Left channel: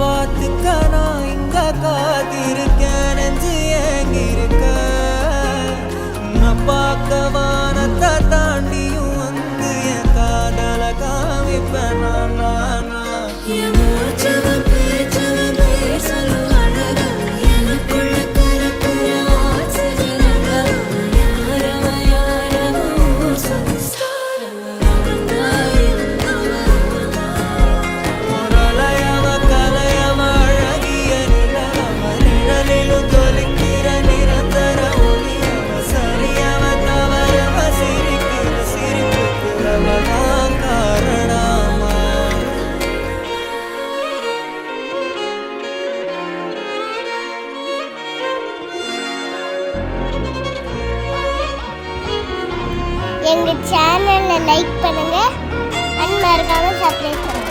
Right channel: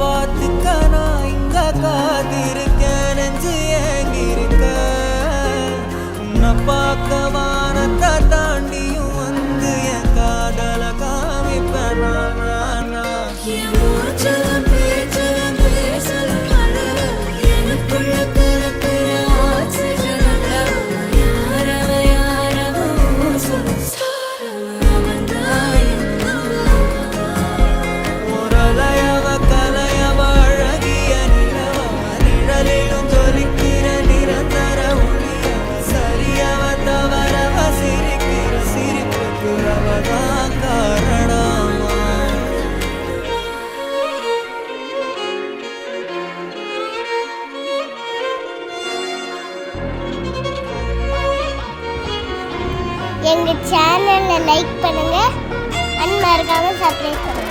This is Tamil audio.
பார்த்துக்க நான் இங்க காத்திருக்கேன் நெஞ்சு ஏங்கிருக்க உன்னை பார்க்க வானத்தை தாண்டியும் வந்து என் காதல காமிப்பேன் நான் அவதான் காரணமா எங்க சேனலை லைக் பண்ணுங்க, மறக்காம சப்ஸ்கிரைப் பண்ணுங்க.